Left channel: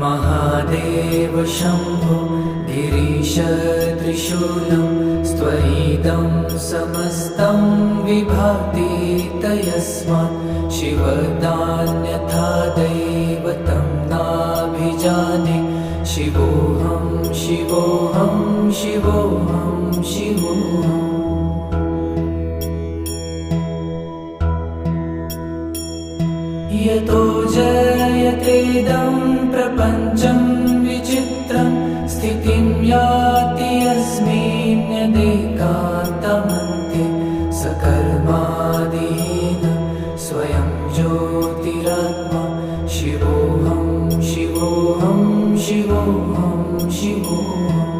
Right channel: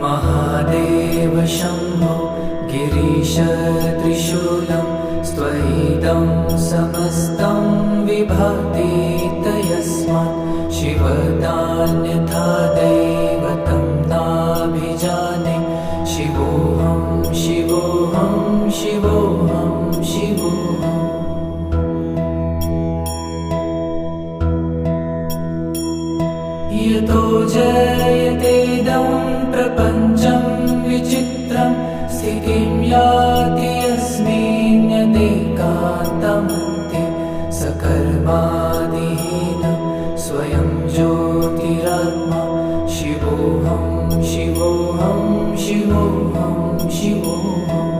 महादेव शम्भो गिरीश त्रिशूलं स्त्वयिदं समस्तं विभाति तस्मात् शिवदान्यथा दैवतं नाभिजाने शिवोऽहं शिवोऽहं शिवोऽहं शिवोऽहम् यतो जयतेदं प्रपञ्चं विचित्रं स्थितिं याति यस्मिन्नेकान्तमन्ते सकर्मादिहीनं स्वयं ज्योतिरात्मा शिवोऽहं शिवोऽहं शिवोऽहं शिवोऽहम्